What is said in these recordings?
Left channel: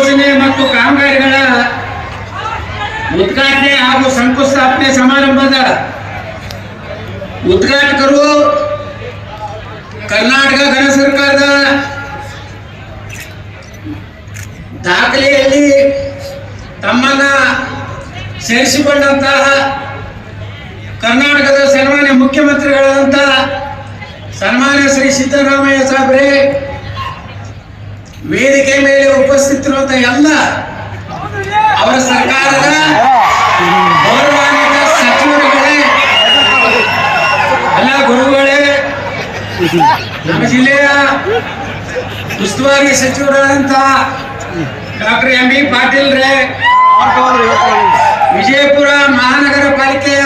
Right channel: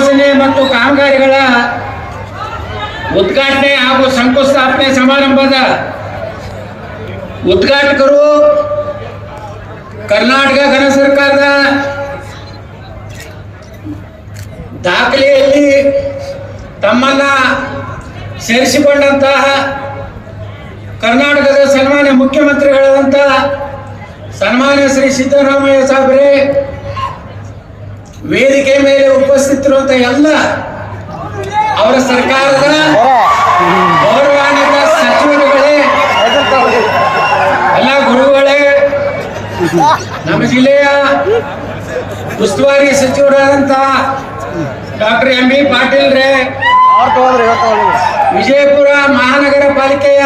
ಯೋಜನೆ ಮತ್ತು ಕಾಮಗಾರಿಗಳ ಉದ್ಘಾಟನೆ ಹಾಗೂ ಶಂಕುಸ್ಥಾಪನೆ ಸಮಾರಂಭದ ಉದ್ಘಾಟಕರು ಕರ್ನಾಟಕ ಗಣ ಸರ್ಕಾರದ ದಾಖಲೆಯಲ್ಲಿ ತಮ್ಮನ್ನ ಸೇರಿಸಿಕೊಂಡಂತಹ ಕರ್ನಾಟಕದ ಸನ್ಮಾನ್ಯ ಮುಖ್ಯಮಂತ್ರಿಗಳಾದಂತಹ ಸನ್ಮಾನ್ಯ ಶ್ರೀ ಸಿದ್ದರಾಮಯ್ಯ ಸಾಹೇಬ್ರೆ, ವೇದಿಕೆ ಮೇಲೆ ಉಪಸ್ಥಿತರಿರುವಂತಹ ಎಲ್ಲ ಅವರ ಸರ್ಕಾರದ ಗೌರವಾನ್ವಿತ ಸಚಿವರುಗಳೇ, ಎಲ್ಲ ಗುರುಗಳೇ, ನಮ್ಮ ಜಿಲ್ಲೆಯ ಉಸ್ತುವಾರಿ ಸಚಿವರಾದಂತಹ ಡಾಕ್ಟರ್ ಎಂ ಬಿ ಪಾಟೀಲ್ ರೇ, ವಿಜಯಪುರ ಮಹಾನಗರ ಪಾಲಿಕೆಯ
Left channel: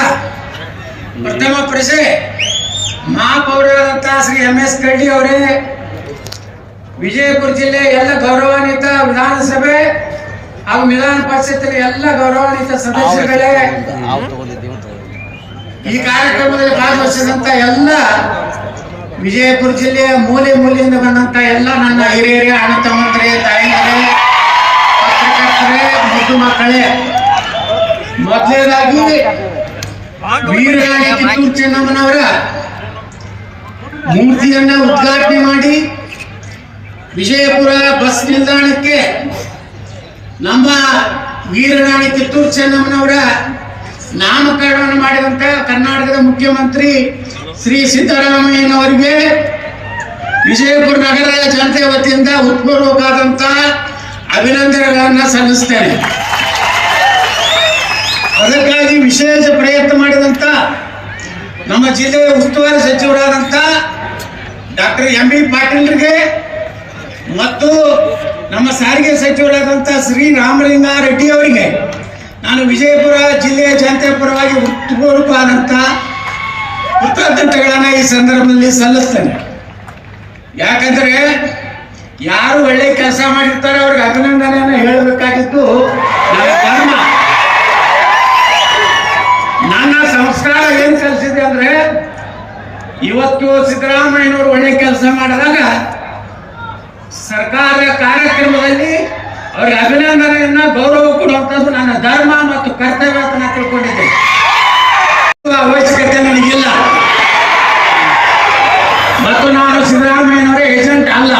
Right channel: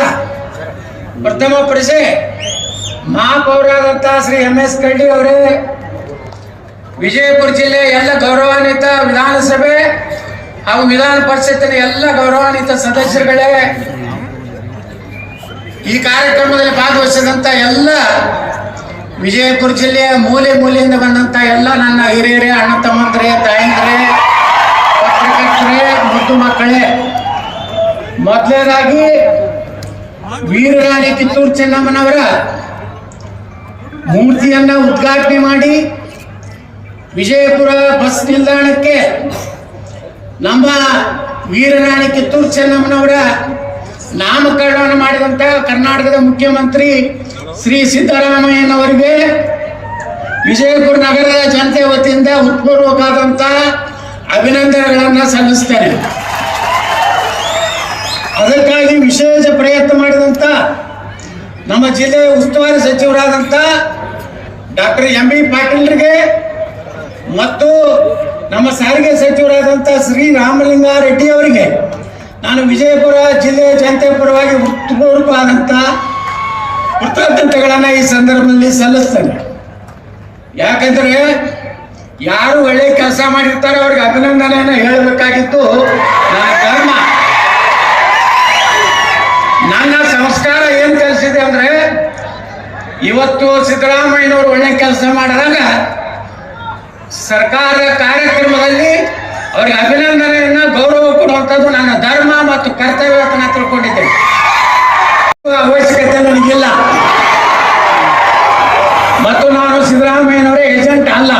ಪ್ರಥಮ ಪ್ರಜೆ ಮಹಾಪೌರರಾದಂತಹ ಶ್ರೀ ಎಂ ಎಸ್ ಕರಡಿ ಅವರೇ, ವಿಜಯಪುರ ಜಿಲ್ಲೆಯ ಎಲ್ಲ ಗೌರವಾನ್ವಿತ ವಿಧಾನಸಭೆ ಹಾಗೂ ವಿಧಾನ ಪರಿಷತ್ತಿನ ಎಲ್ಲ ಗೌರವಾನ್ವಿತ ಸದಸ್ಯಗಳೇ, ಈ ಕಾರ್ಯಕ್ರಮದಲ್ಲಿ ಭಾಗವಹಿಸಿದಂತ ಎಲ್ಲ ವಿಜಯಪುರ ಜಿಲ್ಲೆಯ ಮೂಲೆ ಮೂಲೆಯಿಂದ ಬಂದಂತ ಎಲ್ಲ ನನ್ನ ಹಿರಿಯರೇ, ಅಣ್ಣ ತಮ್ಮಂದರೇ, ತಾಯಂದರೇ, ಪತ್ರಕರ್ತರೇ, ಮುದ್ದು ಮಕ್ಕಳೇ, ಮೊದಲನೇದಾಗಿ ವೀರರಾಣಿ ಕಿತ್ತೂರು ಚೆನ್ನಮ್ಮನವರ ಮೂರ್ತಿಯನ್ನ ಉದ್ಘಾಟನೆ ಮಾಡಿ ವಿಜಯಪುರ ಬಸ್ ನಿಲ್ದಾಣಕ್ಕೆ ನಮ್ಮ ವೀರರಾಣಿ ಕಿತ್ತೂರು ಚೆನ್ನಮ್ಮನವರ ನಾಮಕರಣವನ್ನು ಮಾಡಿದಂತ ಕರ್ನಾಟಕದ ಮುಖ್ಯಮಂತ್ರಿ ಶ್ರೀ ಸಿದ್ದರಾಮಯ್ಯನವರಿಗೆ ವಿಜಯಪುರ ನಗರದ ಜನತೆ ವತಿಯಿಂದ ಹೃತ್ಪೂರ್ವಕವಾದಂತ ಅಭಿನಂದನೆಗಳನ್ನು ಸಲ್ಲಿಸ್ತೇನೆ. ಅದಕ್ಕಾಗಿ ವಿಶೇಷ ಪ್ರಯತ್ನ ಮಾಡಿದಂತ ನಮ್ಮ ಜಿಲ್ಲೆಯ ಉಸ್ತುವಾರಿ ಸಚಿವರಾದಂತ ಡಾಕ್ಟರ್ ಎಂ ಬಿ ಪಾಟೀಲ್ರಿಗೆ ಮತ್ತು ನಮ್ಮ ಸಾರಿಗೆ ಸಚಿವರಾದಂಥ ಶ್ರೀ ರಾಮಲಿಂಗಾರೆಡ್ಡಿ ಅವರಿಗೆ ನಾನು ವಿಜಯಪುರ ಜಿಲ್ಲೆಯ ಜನತೆ ಪರವಾಗಿ ಹೃತ್ಪೂರ್ವಕವಾದಂಥ ಕೃತಜ್ಞತೆಗಳನ್ನು ಈ ಸಂದರ್ಭದಲ್ಲಿ ಸಲ್ಲಿಸ್ತೇನೆ. ಯಾಕಂದ್ರೆ ಯಾರು ಒಳ್ಳೆ ಕೆಲಸ ಮಾಡಿರ್ತಾರೆ ಅವ್ರಿಗೆ ಅಭಿನಂದನೆಯನ್ನು ಹೇಳಬೇಕಾಗಿದ್ದು ನನ್ನ ಧರ್ಮ. ನನ್ನ ಸಂಸ್ಕಾರ ಏನ್ ಕಲಿಸಿದೆ ಅಂದ್ರೆ, ಇವತ್ತು ಸಿದ್ದರಾಮಯ್ಯನವರು ಒಳ್ಳೆ ಕೆಲಸ ಮಾಡಿದಾಗ ಸರ್ಕಾರ ಕಾರ್ಯಕ್ರಮದಲ್ಲಿ ಅವರಿಗೆ ಅಭಿನಂದನೆಯನ್ನ ಗೌರವ ಕೊಡುವಂಥದ್ದು ನನ್ನ ಧರ್ಮ ಮತ್ತು ಕರ್ತವ್ಯ ಅಂತ ನಾನು ತಿಳ್ಕೊಂಡಿದ್ದೆ. ಅವಶ್ಯಕತೆ ನನಗಿಲ್ಲ ಮತ್ತು ನಾನು ಸಿದ್ದರಾಮಯ್ಯನವರ ಏಜೆಂಟ್ ಅಲ್ಲ.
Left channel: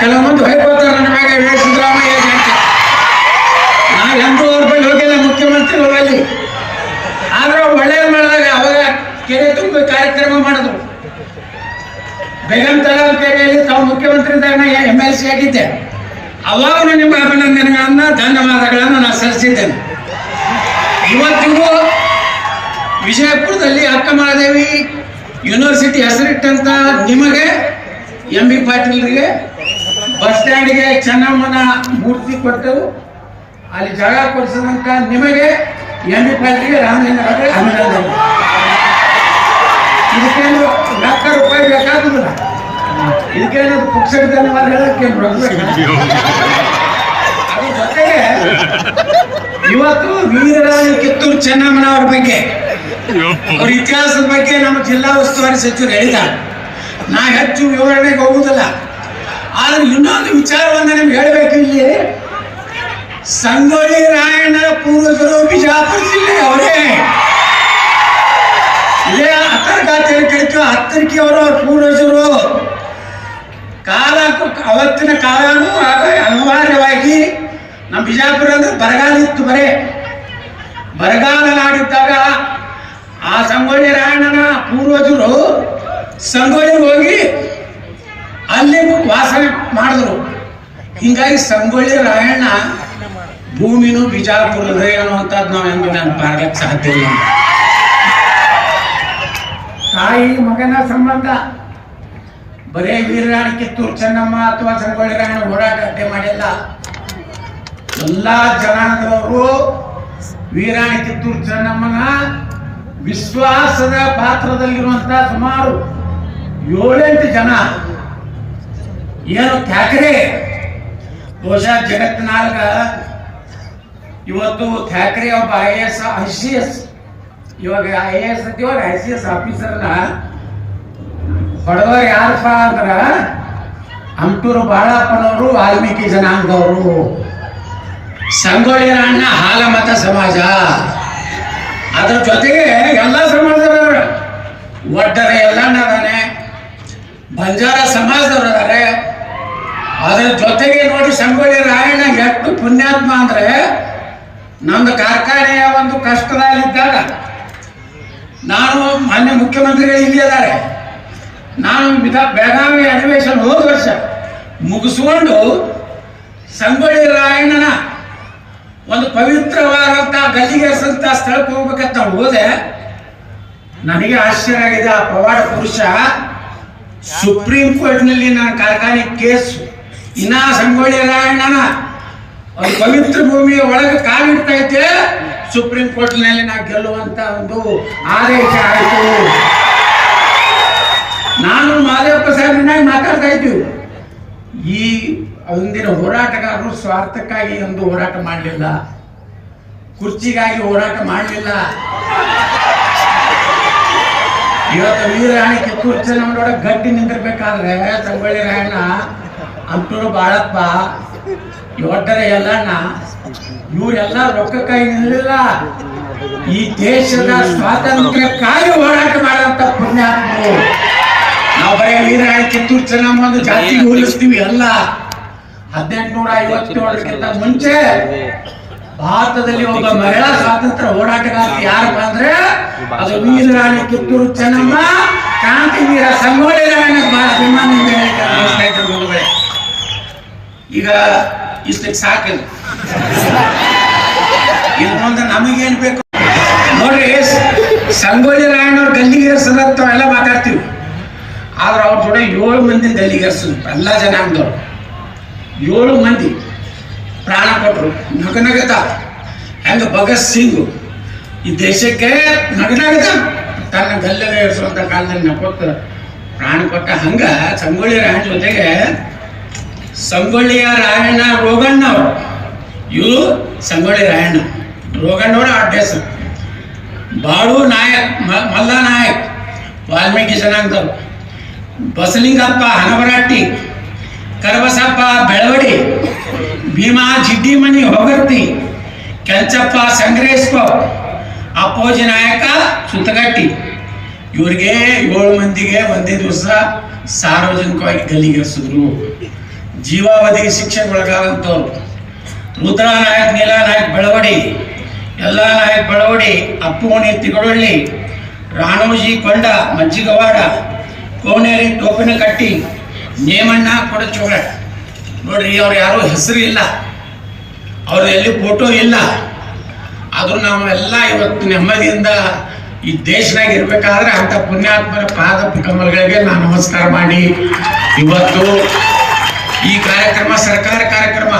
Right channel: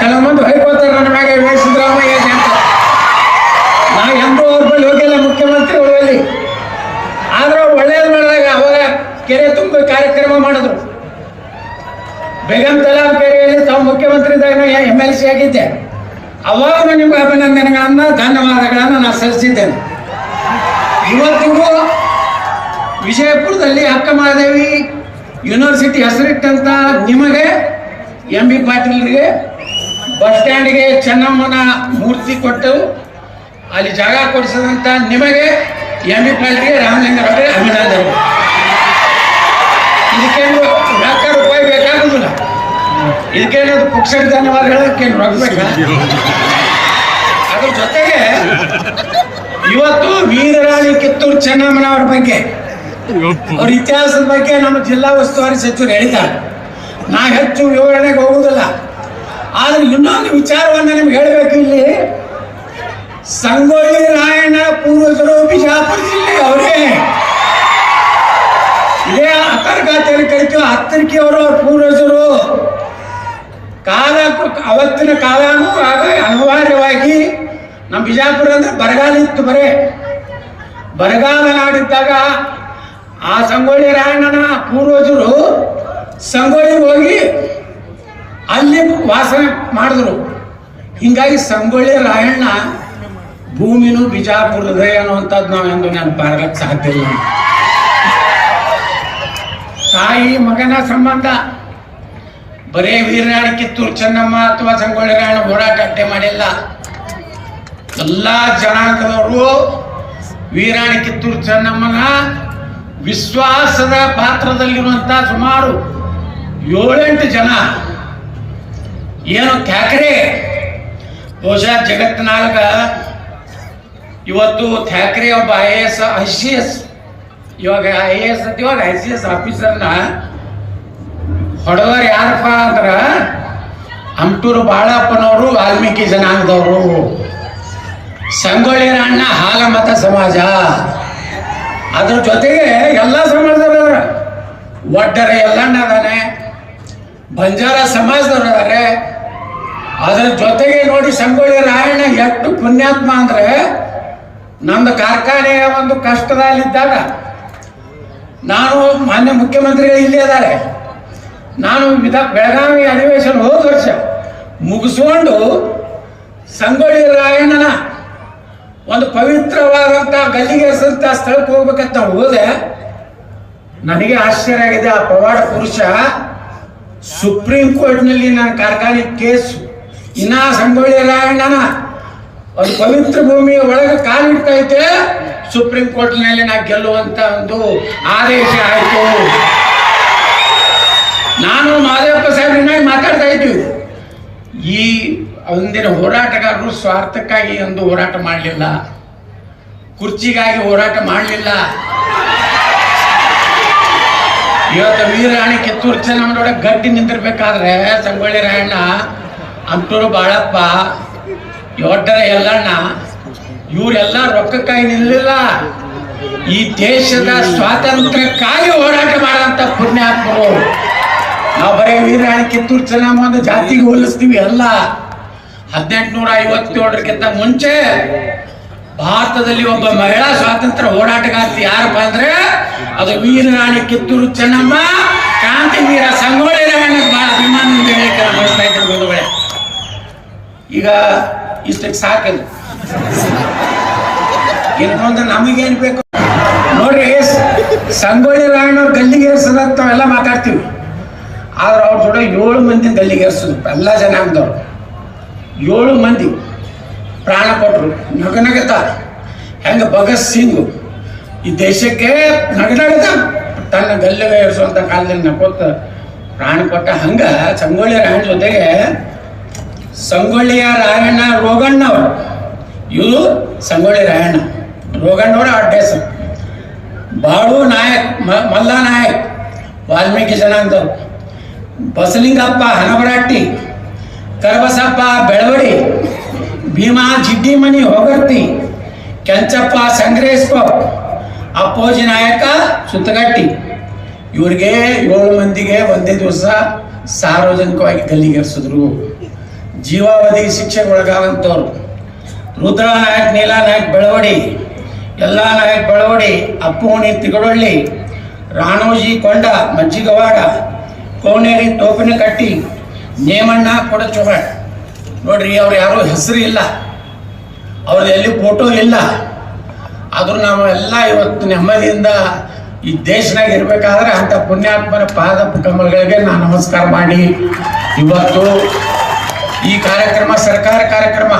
ಕೆಲವೊಂದು ಹೇಳ್ಕೊತಾರೆ ನನ್ನ ಬಗ್ಗೆ ಸಿದ್ದರಾಮಯ್ಯ ಏಜೆಂಟ್. ನಾವು ಎಂದೂ ಅವ್ರ ಬಳಿ ಹೋಗಿಲ್ಲ ಮುಖ್ಯಮಂತ್ರಿಗಳಲ್ಲಿ. ಆದ್ರೆ ಒಳ್ಳೆಯದು ಮಾಡಿದಾಗ ಅವಾಗ ಕೆರೆ ತುಂಬ ಕಾರ್ಯಕ್ರಮ ಮಾಡಿದ್ರು. ಬೇಗಂ ತಲಾವ್ ಕೆರೆಯಲ್ಲಿ ತಾವು ಮುಖ್ಯಮಂತ್ರಿದಾಗ MLC ಆಗಿದ್ದೆ. ಅವಾಗ ನಿಮ್ಮ ಅಭಿನಂದನೆಗಳನ್ನ ಧನ್ಯವಾದಗಳನ್ನು ನಾನು ಸಲ್ಲಿಸಿದ್ದೇನೆ. ಇವತ್ತಿಗೂ ವಿಜಯಪುರದಲ್ಲಿ ಅಕ್ಕ ಮಹಾದೇವಿ ಯೂನಿವರ್ಸಿಟಿ ಹೆಸರಿಟ್ಟಂತ ನಿಮಗೆ, ಎಂ ಬಿ ಪಾಟೀಲ್ರಿಗೆ ಬಸ್ ಸ್ಟ್ಯಾಂಡ್ಗೆ ಚೆನ್ನಮ್ಮನ ಮೂರ್ತಿ ಕೊಟ್ಟವು, ಅಲ್ಲಿ ಜಾಗ ಕೊಡಿಸಿದಂತ ನಿಮಗೆ, ಎಂ ಬಿ ಪಾಟೀಲ್ಗೆ ರಾಮಲಿಂಗರವರಿಗೆ ಅಭಿನಂದನೆ. ಇದಕ್ಕೇನು ಲಾಖ ರೂಪಾಯಿ ಬೇಕಾಗುದಿಲ್ಲ, ಇದಕ್ಕೇನು ಪುಕ್ಷ ಧನ್ಯವಾದ ಹೇಳಕ್ಕೆ ಅದ್ರ ಜೊತೆಗೆ ಇವತ್ತು ವೀರರಾಣಿ ಕಿತ್ತೂರು ಚೆನ್ನಮ್ಮನವರ ಬಗ್ಗೆ, ಅವ್ರ ಇತಿಹಾಸದ ಬಗ್ಗೆ ನಮ್ಮ ಜಿಲ್ಲಾ ಉಸ್ತುವಾರಿ ಸಚಿವರು ಹೇಳಿದ್ದಾರೆ. ನಾ ಹೆಚ್ಚು ವಿವರಣೆಗೆ ಹೋಗುವುದಿಲ್ಲ. ಆದ್ರೆ ಇನ್ನೊಂದು ವಿಚಾರವನ್ನು ನಿಮ್ಗೆ ಹೇಳಬೇಕು. ಇಲ್ಲಿ ಸಂಗೊಳ್ಳಿ ರಾಯಣ್ಣ ಪೂರ್ವಜರು ಬಿಜಾಪುರ ಜಿಲ್ಲೆ ಅವರೇ. ಇದೇ ಅಂತರ್ಗಾತಿಯಲ್ಲಿ ಕಳಿತೀವಿ. ಹತ್ತರಿಕೆ ಅವರ ಪೂರ್ವಜರು ಅವತ್ತಿನ ಕಾಲನೂ ಅನಿವಾರ್ಯವಾಗಿ ನಮ್ಮ ಬಿಜಾಪುರ ಅಂದ್ರೆ ಬರಗಾಲ ಇತ್ತು. ಬರಗಾಲ ನಾಡಿದ್ದಾಗ ಆ ಸಂಗೊಳ್ಳಿ ರಾಯಣ್ಣನ ಪೂರ್ವಜರು ಸಂಗೊಳ್ಳಿ ಹೋಗಿ ಅಲ್ಲಿ ವಾಸ ಮಾಡಿದ್ರು. ಹಿಂಗಾಗಿ ಸಂಗೊಳ್ಳಿ ರಾಯಣ್ಣ ಭೂಮಿನೂ ಬಿಜಾಪುರದೇ ಅನ್ನುವಂಥದ್ದು ನಾವೆಂದು ನೆನಪಾಗಲಿಕ್ಕೆ ಸಾಧ್ಯ ಇಲ್ಲ. ತಾಯಿ ಮಗನ ಸಂಬಂಧ ಬರೇ ವೀರರಾಣಿ ಕಿತ್ತೂರು ಚೆನ್ನಮ್ಮ ಅಥವಾ ಸಂಗೊಳ್ಳಿ ರಾಯಣ್ಣ ಹೋರಾಟ ಅಟ್ಟೆ ಮಾಡಿಲ್ಲ. ಎಲ್ಲಾ ಜನಾಂಗದವರು ವೀರರಾಣಿ ಕಿತ್ತೂರು ಚೆನ್ನಮ್ಮನ ವಿಶ್ವಾಸದ ಪಾತ್ರದಲ್ಲಿರುವಂತಹ ಸುಮಾರು 7-8 ಜನ ಏನು ಥ್ಯಾಕ್ರೆ, ಬಹುಶಃ ಜಗತ್ತಿನಾಗ ಇವತ್ತು ಥ್ಯಾಕ್ರೆ ಒಬ್ಬ IAS ಇವಾಗ IAS ಇವಾಗ ICS ಆಫೀಸರ್ನ ಹೊಡೆದವ್ರು ಯಾರಪ್ಪ ಅಂದ್ರ ಅಂಟೂರು ಬಾಳಪ್ಪನವರು ವಾಲ್ಮೀಕಿ ಜನಾಂಗದವರು, ಸಂಗೊಳ್ಳಿ ರಾಯಣ್ಣ ಹಾಲಮತ ಸಮಾಜ, ಅದ್ರ ಜೊತೆಗೆ ಎಲ್ಲ ಸಮಾಜದವ್ರ ಒಡ್ಡರ ಎಲ್ಲಣ್ಣ ಅದಾನೆ, ಬಂಜಾರ ಸಮಾಜದವ್ರು ಅದಾರೆ. ಅದ್ರ ಜೊತೆಗೆ ನೋಡಿ ಸಂಗೊಳ್ಳಿ ರಾಯಣ್ಣ ಎಷ್ಟು ಪುಣ್ಯಾತ್ಮ ಅಂದ್ರೆ, ನಮ್ದು ಕಾರ್ಖಾನೆಯ ಒಂದು ಕಷ್ಟದಲ್ಲಿದ್ದಾಗ ನಾನು ಮಾನ್ಯ ಮುಖ್ಯಮಂತ್ರಿಗಳು ಇಲ್ಲಿ ಇದ್ದಾರೆ, ನಾನು ಬೆಳಗಾವಿ ಅಧಿವೇಶನ ಹೋದ ವರ್ಷ ಮುಗಿಸ್ಕೊಂಡು ಸಂಗೊಳ್ಳಿ ರಾಯಣ್ಣನ ಒಂದು ಪವಿತ್ರವಾದಂಥ ಗಲ್ಲಿಗೇರಿಸಂತ ಸ್ಥಳಕ್ಕೆ ಹೋಗ್ಬೇಕಂತ ನಾವು ಹೋದೆ. ನನಗೆ ಆಶ್ಚರ್ಯ ಆಗಿದೆ. ಆ ಪವಾಡ ಪುರುಷ ಸುಪ್ರೀಂ ಕೋರ್ಟ್ನಲ್ಲಿ ನನ್ನ ಕಾರ್ಖಾನೆ ಕೇಸು, ಇನ್ನ ಸಂಗೊಳ್ಳಿ ರಾಯಣ್ಣನ ಒಂದು ಪವಿತ್ರ ಭೂಮಿಯ ಒಳಗೆ ಕಾಲಿಡ್ತೈತೆ, ಸುಪ್ರೀಂ ಕೋರ್ಟ್ನಲ್ಲಿ ನಾ ಗೆಲ್ಲುವಂತ ಒಂದು ಆದೇಶ ಆಯಿತು. ನಾನು ಮಾದಪ್ಪ ಸಾಹೇಬ್ರನ್ನಾಗಿ ಮಾತಾಡ್ತಾ ಇದ್ದೀವಿ. ಈ ಒಂದಿನ ಹೋರಾಟಗಾರರು ಸ್ವಾರ್ಥಕ್ಕಾಗಿ ಒಂದು ಹೋರಾಟ ಮಾಡಲಿಲ್ಲ, ಕುರ್ಚಿಗಾಗಿ ಹೋರಾಟ ಮಾಡಲಿಲ್ಲ. ಇವತ್ತು ವೀರರಾಣಿ ಕಿತ್ತೂರು ಚೆನ್ನಮ್ಮನೊಳಗೆ ಗಟ್ಟಿ ನಿಂತಿರ್ಬೇಕಾದ್ರೆ ಸಂಗೊಳ್ಳಿ ರಾಯಣ್ಣ, ಅಂಟೂರು ಬಾಳಪ್ಪ, ಒಡ್ಡರ ಎಲ್ಲಣ್ಣ ಇವರೆಲ್ಲ ರೊಕ್ಕಕ್ಕಾಗಿ ನಿಲ್ಲಲಿಲ್ಲ, ಈ ದೇಶದ ಸ್ವಾತಂತ್ರ್ಯಕ್ಕಾಗಿ ಹೋರಾಟ ಮಾಡುವಂತ ಪುಣ್ಯಾತ್ಮರು. ನಾವು ಬರೀ ವೀರರಾಣಿ ಕಿತ್ತೂರು ಚೆನ್ನಮ್ಮ ಒಂದು ಜಾತಿಗೆ ಹೋಲಿಸ್ತೀವಿ ಅಲ್ಲ. 1857ಕ್ಕಿಂತ ಮುಂಚೆ ಭಾರತದಲ್ಲಿ ಒಬ್ಬ ಮಹಿಳಾ ಸ್ವಾತಂತ್ರ್ಯ ಹೋರಾಟಗಾರ್ತಿ ಯಾರಪ್ಪ ಅಂದ್ರೆ ಅದು ವೀರರಾಣಿ ಕಿತ್ತೂರು ಚೆನ್ನಮ್ಮ, ಕ್ರಾಂತಿವೀರ ಸಂಗೊಳ್ಳಿ ರಾಯಣ್ಣ. ಈಗ ಇಷ್ಟಕ್ಕೆ ಸಾಕಲ್ಲ, ಇನ್ನು ಮುಂದೆ ನಮಗೇನ್ ಬೇಕು ನೋಡ್ರಿ. ಸಂಗೊಳ್ಳಿ ರಾಯಣ್ಣವ್ರು ಗಲ್ಲಿಗೇರಿಸದಂತವೆಲ್ಲ ಮಾತಾಡ್ತೀವಿ, ಆದ್ರೆ ಅವ್ರ ಜೊತೆ 7 ಮಂದಿ ಗಲ್ಲಿಗೇರಿಸಿದ್ರು. ಎಲ್ಲ ಜನಾಂಗದವ್ರು 7 ಮಂದಿ ಪ್ರಾಣ ಕೊಟ್ಟರು. ನಗನಗತ ಹೆಂಗ ಭಗತ್ ಸಿಂಗ್ ಈ ದೇಶಕ್ಕೆ ನಗನಗತ ತನ್ನ ಗಲ್ಲಿಗೆ ಏರಿಸುವಂತ ಕಾಲದಲ್ಲಿ ನಕ್ಕೊತ್ತ ಪ್ರಾಣ ಕೊಟ್ಟ, ಹಂಗ ಸಂಗೊಳ್ಳಿ ರಾಯಣ್ಣ ಜೊತೆಗೆ ಸಂಗೊಳ್ಳಿಯ ರಾಯಣ್ಣ ರೋಗಣ್ಣವ್ರು, ಇವರು ಸಂಗೊಳ್ಳಿ ರಾಯಣ್ಣ ರೋಗಣ್ಣವ್ರ ಅಡ್ಡ ಹೆಸರು. ಬಾಳು ನಾಯಕ್, ಮಲ್ಲ ನಾಯಕ್ ವಾಲ್ಮೀಕಿ ಜನಾಂಗದವ್ರು, ಬಸಲಿಂಗಪ್ಪ ಹನವರಾಟಿ, ಕರಬಸಪ್ಪ ಬೆಳವಡಿ, ಭೀಮಾ ಜಿಡ್ಡಿಮನಿ ಹೊಗರ್ತಿ, ಕೆಂಚಪ್ಪ ಸಂಗ್ರೇಶ್ವರ, ಅಪ್ಪೋಜಿ ನಾಯಕ ಸುತ್ತಗಟ್ಟಿ. ಇವ್ರಿಗೆ 7 ಮಂದಿಗೆ ಒಂದೇ ದಿವಸ ಸಾರ್ವಜನಿಕವಾಗಿ ಗಲ್ಲಿಗೇರಿಸಿದ್ರು. ಜೀವಾವಧಿಗೆ ಶಿಕ್ಷೆಗೊಳಗಾದಂಥವ್ರು ರುದ್ರಾ ನಾಯಕ್, ನೀಲಾ ನಾಯಕ್ ಬೆಳವಡಿ, ಎಲ್ಲಾ ನಾಯಕ್ ಬೆಳವಡಿ, ಅಪ್ಪೋಣಿ ತಿಗಡೊಳ್ಳಿ, ರಾಣೋಜಿ ಕೊಂಡ ಮಜ್ಜಿಗವಾಡ, ಕೋಣೇರಿ ಟೋಪಿನಕಟ್ಟಿ, ನೇಮಣ್ಣ ಕೊಡಚೋಳ. ನೋಡ್ರಿ, ಅವ್ರು ಯಾರೋ ಹೆಸರು ಇಲ್ಲ, ಅವ್ರದ್ದು ಎಲ್ಲಿ ಫೋಟೋ ಇಲ್ಲ, ಆದ್ರೂ ನಾವೆಲ್ಲ ಇವತ್ತು ನೆಮ್ಮದಿಯಿಂದ ಈ ದೇಶನಾಗ ಇರ್ಬೇಕಾದ್ರೆ ಅಂತ ಪುಣ್ಯಾತ್ಮರ ಪಾದ ಕಮಲಗಳಿಗೆ ನಾವು ನಮಸ್ಕಾರ ಮಾಡಿ ಇವತ್ತು ಈ ಕಾರ್ಯಕ್ರಮ ಸರ್ಕಾರ ಕಾರ್ಯಕ್ರಮ,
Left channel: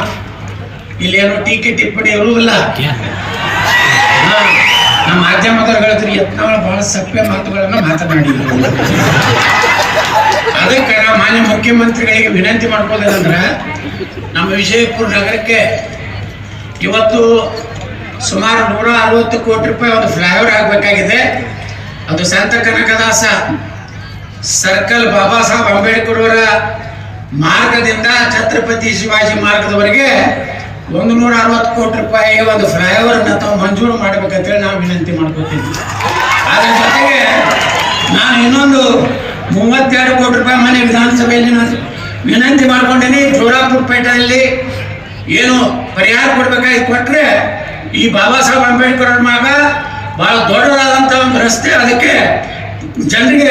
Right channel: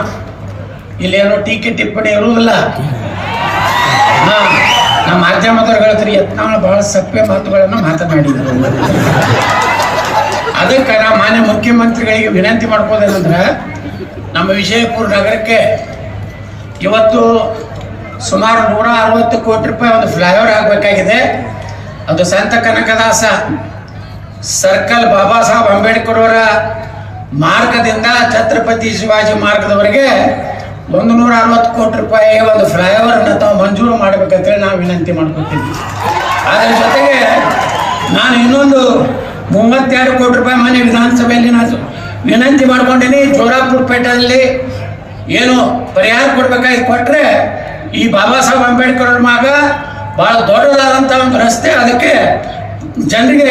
ಇಲ್ಲೇನೋ ಟೀಕೆ ಟಿಪ್ಪಣಿ ಇರುವುದಿಲ್ಲ. ನಮ್ಮ ಮಾಧ್ಯಮದವ್ರು ಹೇಳ್ತಾರೆ ಯತ್ನಾಳ ಬಹಳ ಸಭ್ಯ ಮಾತುಗಳನ್ನು ಮಾತನಾಡಿದ್ರು. ಅದಕ್ಕೆ ನಾವು ಮಾನ್ಯ ಮುಖ್ಯಮಂತ್ರಿಗಳಿಗೆ ವಿನಂತಿ ಮಾಡ್ಕೋದೇನಂದ್ರೆ, ನಮ್ಮ ವಿಜಯಪುರ ನಗರಕ್ಕೆ ಇವತ್ತು ಸುಮಾರು 160 ಕೋಟಿ ರೂಪಾಯಿ ಒಂದು ಫ್ಲೈಓವರ್ ಆಗಬೇಕಾಗಿದೆ. ಅದು ಸಂತ ಕನಕದಾಸ ಸರ್ಕಲ್ ಬಾಬಾ ಸಾಹೇಬ್ ಅಂಬೇಡ್ಕರ್ ಅವರ ಮಾರ್ಗದಿಂದ ಛತ್ರಪತಿ ಶಿವಾಜಿ ಮಾರ್ಗದವರೆಗೆ 160 ಕೋಟಿ ರೂಪಾಯಿ ಒಂದು ಫ್ಲೈಓವರ್ನ ತಾವು ಮಂಜೂರು ಮಾಡ್ಬೇಕಂತೇಳಿ ನಾವು ವಿನಂತಿ ಮಾಡ್ಕೊತೀವಿ. ಅದರ ಜೊತೆಗೆ ನಾನು ಇನ್ನೊಂದು 32 ಕೋಟಿ ರೂಪಾಯಿ ಮನೆ ವಿಧಾನಸಭೆಯಲ್ಲಿ ನಾನು ವಿನಂತಿ ಮಾಡ್ಕೊಂಡೇನೆ. ಜೋರಾಪುರ ಪೇಟೆಯಲ್ಲಿ ಏನು ಪರಿಹಾರ ಕೊಡ್ಬೇಕಾಗಿ ಕೊಟ್ರೆ, ಈ ಬಾಬಾ ಸಾಹೇಬ್ ಅಂಬೇಡ್ಕರ್ ಮಾರ್ಗ ಬಹಳ ದೊಡ್ಡದಾದಂತ ಒಂದು ರಸ್ತೆ, ಅದಕ್ಕೆ ಜನರಿಗೆ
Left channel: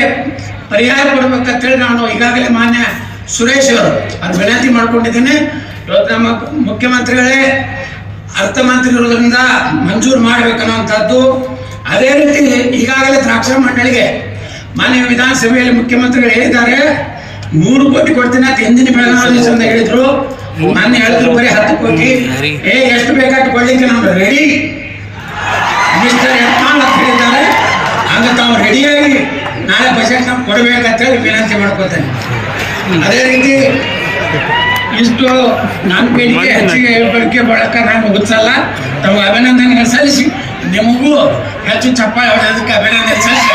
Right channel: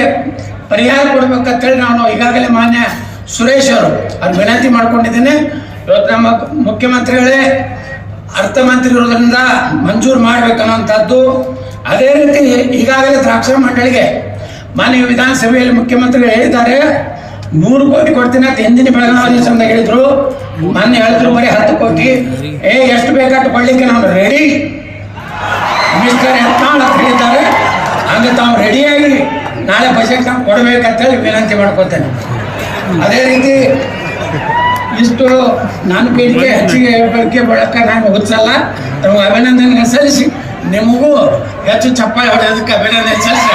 ಪರಿಹಾರ ಕೊಡ್ಬೇಕಂತೇಳಿ ನಾನು ಈಗಾಗಲೇ ಮಾನ್ಯ ಸುರೇಶ್ ಅವರು ಅದು ವಿನಂತಿ ಮಾಡ್ಕೊಂಡಿದ್ದೀನಿ. ಇವತ್ತು ನಮ್ಮ ಮುಖ್ಯಮಂತ್ರಿಗಳೇ ಅರ್ಥಮಂತ್ರಿಗಳಿಂದ ಮಂಜೂರು ಮಾಡ್ಬೇಕನ್ನುವಂಥದ್ದು. ಅದೇ ರೀತಿ ಈಗಾಗಲೇ ದ್ರಾಕ್ಷ ಮಂಡಳಿಗೆ ಮಾನ್ಯ ವಿಧಾನಸಭೆಯಲ್ಲಿ ಮುಖ್ಯಮಂತ್ರಿಗಳು ಹೇಳಿದ್ದಾರೆ 3 ಕೋಟಿ ಕೊಡ್ತೀನಿ ಅಂತ ಹಿಂದಿನ ಬೆಳಗಾವಿ ಸಂದ ಹೇಳಿದ್ರು. ನಾನು ಹೇಳಿದ್ರು ಬರೀ 10 ಕೋಟಿ. ಎಷ್ಟು ಬೇಕಾದ ಕೊಡ್ಲಿಕ್ಕೆ ನಾವು ರೆಡಿ ಮಿನಿಸ್ಟರ್ ಅಂತ ಹೇಳಿದ್ದಾರೆ. ಹಂಗೆ ತಾವು ರೆಡಿಯಾಗಿ ನಾಳೆ ಬಜೆಟ್ ನಾವು ಕೊಡಬೇಕಂತೇಳಿ ವಿನಂತಿ ಮಾಡ್ಕೊತೇನೆ. ಅದೇ ರೀತಿ ಇಷ್ಟು ನನ್ನ ಬೇಡಿಕೆ ಹೆಚ್ಚಿಗೆ ಹೇಳ್ಕೊಳ್ಳಿಕ್ಕೆ ಬಳಕ ನಾನು ಓದಿಸಲ್ಲ. ತಾವು ಅಭಿನಂದನೆ ಸಲ್ಲಿಸಿ, ನಿಮಗೂ ಹೆಚ್ಚು ಚಪ್ಪಾಳೆ ಹೊಡೆಯೋದಕ್ಕೆ ಅಭಿನಂದನೆ ಸಲ್ಲಿಸಿ